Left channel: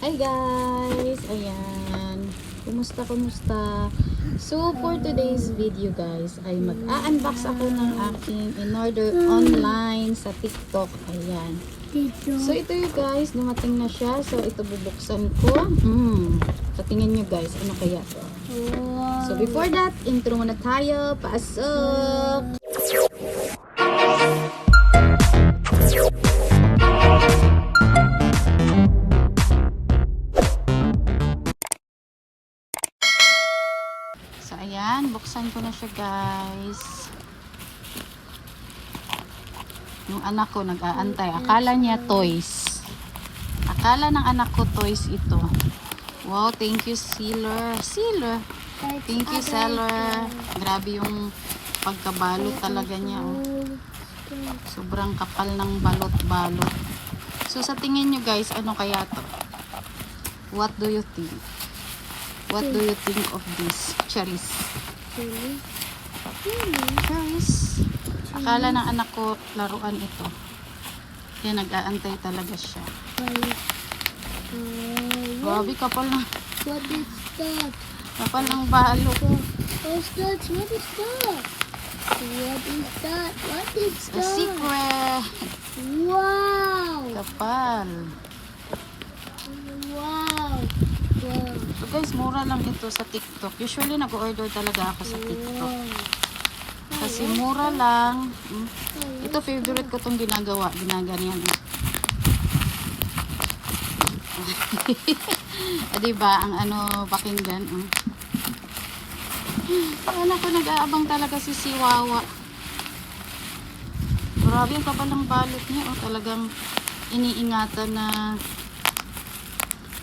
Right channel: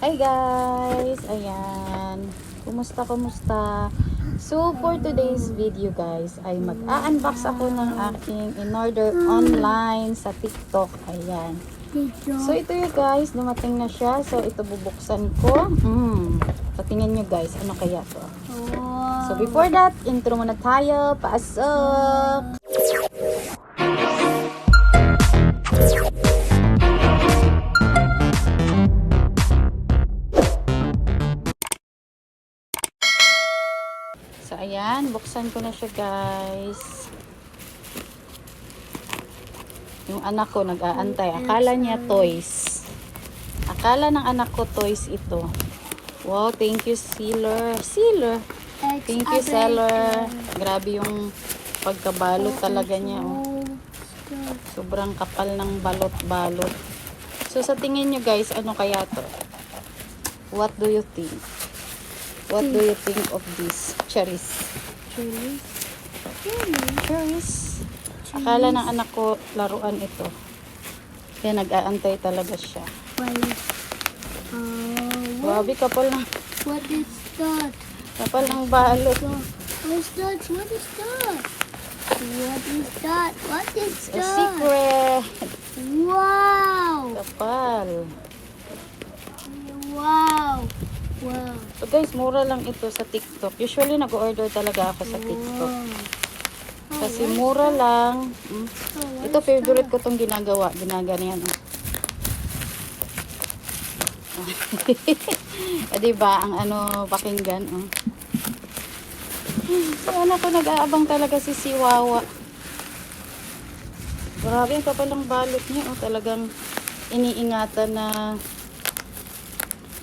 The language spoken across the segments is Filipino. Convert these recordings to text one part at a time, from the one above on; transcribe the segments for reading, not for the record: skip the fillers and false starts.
Hi guys! Ayan. Kumusta? So, for today's video guys, ay mag-a-unbox ako ng aking in-order online sa TikTok. Ayan. So, ito yung guys, dumating na siya. So, ito bubuksan ko. So, tingnan nyo guys, ano kaya to? So, before that, intro muna tayo. Pasok! So, ayan. Buksan ko na siya, guys. Yung anak ko nag-aantay. Akala niya toys. Akala ng anak ko toys ito. Wow, thank you, seller. Thank you, seller. Grabe yung pagkabalot talaga niya, oh. Sobrang kapal ng balot-balot. So, sa tingin nyo, guys, ano kaya to? What do you think? What do you think of this? Cherries. Cherries. Akala ng anak ko laruan ito. Kaya nag-aantay talaga siya. Grabe, kapal ng... What is that? Kapal ng balot. What is that? What is that? What is that? What is It's a that? secret. Wow! Kapal. Wow! Wow! So guys, mura lang ito sa TikTok. Usually nag-order talaga ako sa TikTok. Kasi mura lang. Ito favorite ko tong ginagawa. Ginaganyan. Diba? Ang ano, pakinggan. Saan ako nag-aabang talaga si Siwawa. Grabe ang kapal ng balot niya. Talagang iniingatan na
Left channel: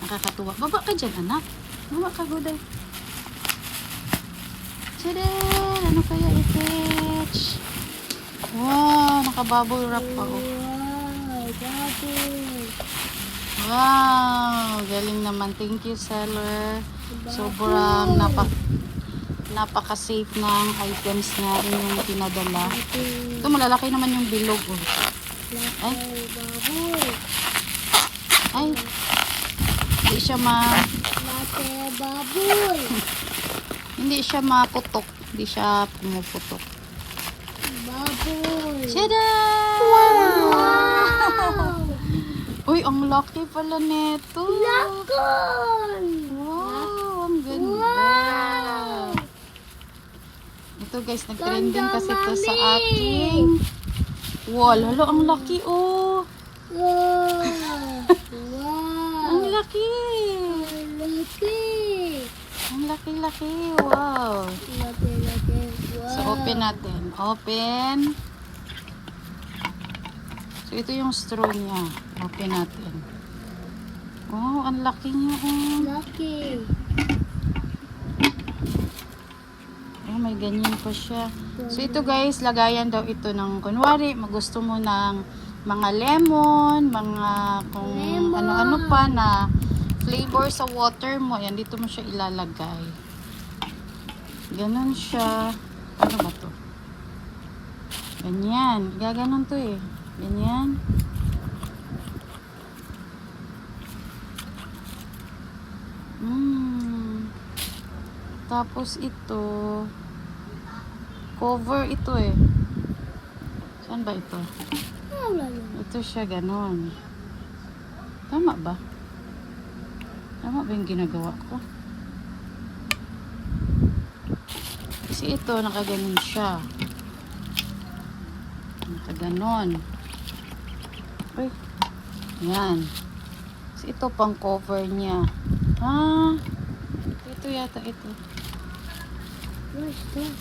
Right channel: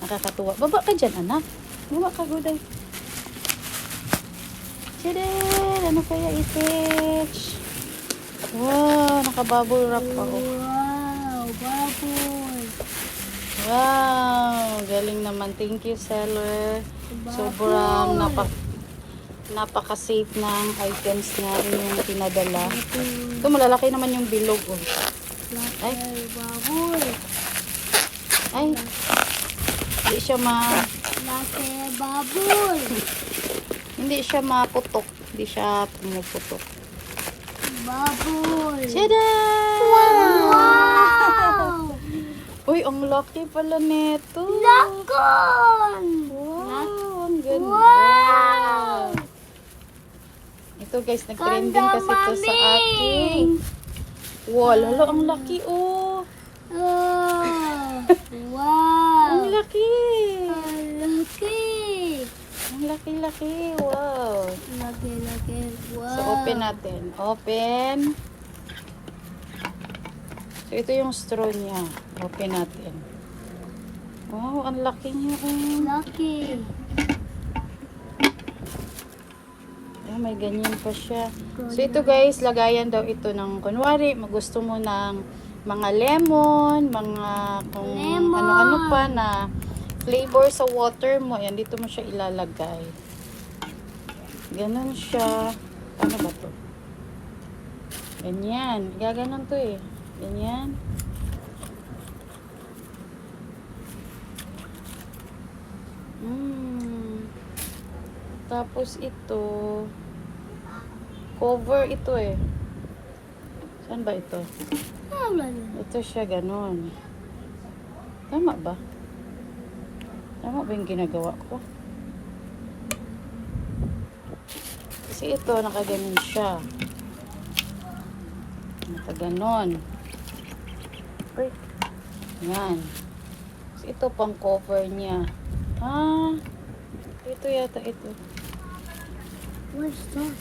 nakakatuwa. Baba ka dyan, anak. Baba ka, guday. Chidel! Ano kaya i-fetch? Wow! Naka-bubble wrap pa, oh. Wow! Bubble! Wow! Galing naman. Thank you, seller. Sobrang napaka-safe ng items na inyong pinadala. Ito, malalaki naman yung bilog, oh. Ay! Bubble! Ay! Hindi siya Bubble! hindi siya maputok. Hindi siya pumuputok. Bubble! Tada! Wow! Uy, ang laki pala nito. Lakon! Wow, ang ganda. Wow! Ito guys, nag-trending kasi ito sa Mami! aking wall. Halo, ang laki, oh. Wow! Ang laki. Laki! Ang laki-laki. Wow. Laki! Wow! So, open natin. Open. So, ito yung straw niya. Open natin. Oh, ang laki niya, oh. Laki! May ganyan pa siya. So, ito guys, lagayan daw ito ng, kunwari, magusto mo ng mga lemon, mga kung ano-ano pa na flavor sa water mo. Ayan, dito mo siya ilalagay. Ganon siya. Ano ba to? Ganyan. Gaganon to eh. Ganyan. Tapos ito, cover ito eh. Saan ba ito? Ito siya, ganon. Tama ba? Tama ba yung ginagawa ko? Kasi ito, nakaganon siya. Nakaganon. Uy. Yan. Kasi ito pang cover niya. Ito yata ito. What's that?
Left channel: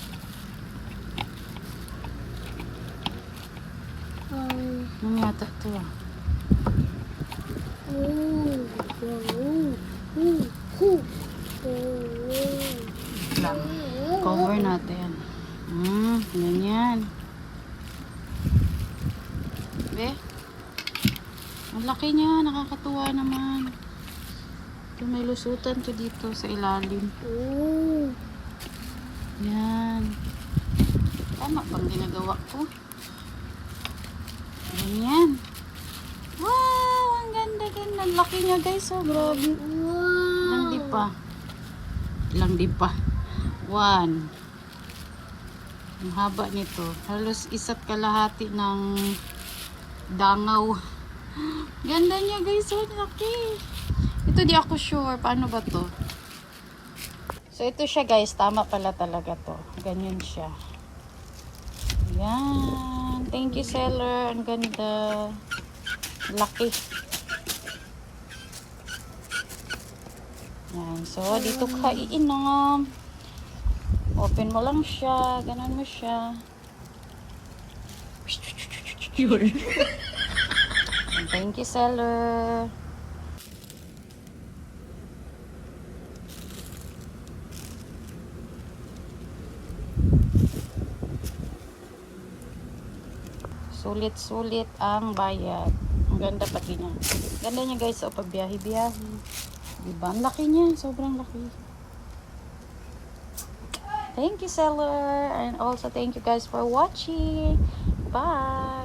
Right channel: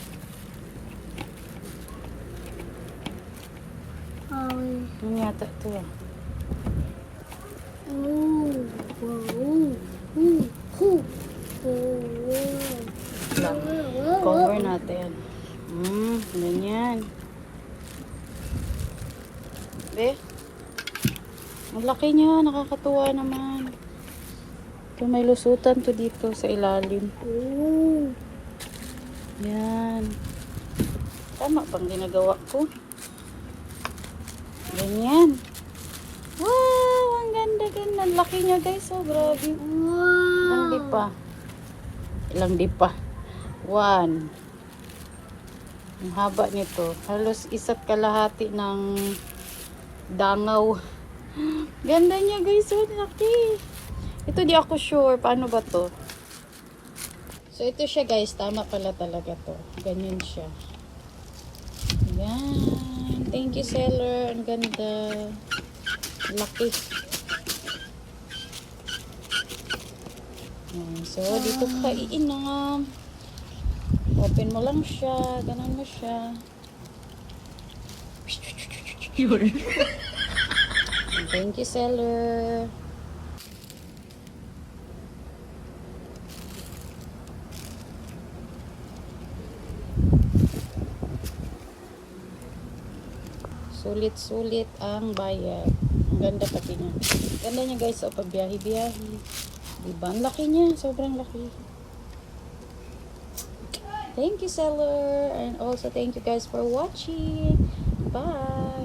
Ano yata ito ah. Lang. Cover natin. Ganyan. Be? Ang laki niya. Nakakatuwa naman. Ito may lusutan to dito sa ilalim. Yan. Tama bang ginagawa ko? Ganyan. Wow! Ang ganda. ang laki niya guys. Oh, grabe. Ilang di pa? Ilang di pa? 1. Ang haba nito. Halos isa't kalahati ng dangaw. Ganda niya guys. Oh, laki. Ito di ako sure. Paano ba to? So, ito siya guys. Tama pala talaga to. Ganyan siya. Yan. Thank you, seller. Ang ganda. Laki. Yan. So, dito ka iinom. Open mo lang siya. Ganon mo siya. Thank you, seller. Sulit-sulit ang bayad. Ang ganda pati niya. Ganda niya guys. O, pagbiyahe-biyahe. Diba? Ang laki niya. Sobrang laki. Thank you, seller. And also, thank you guys for watching. Bye!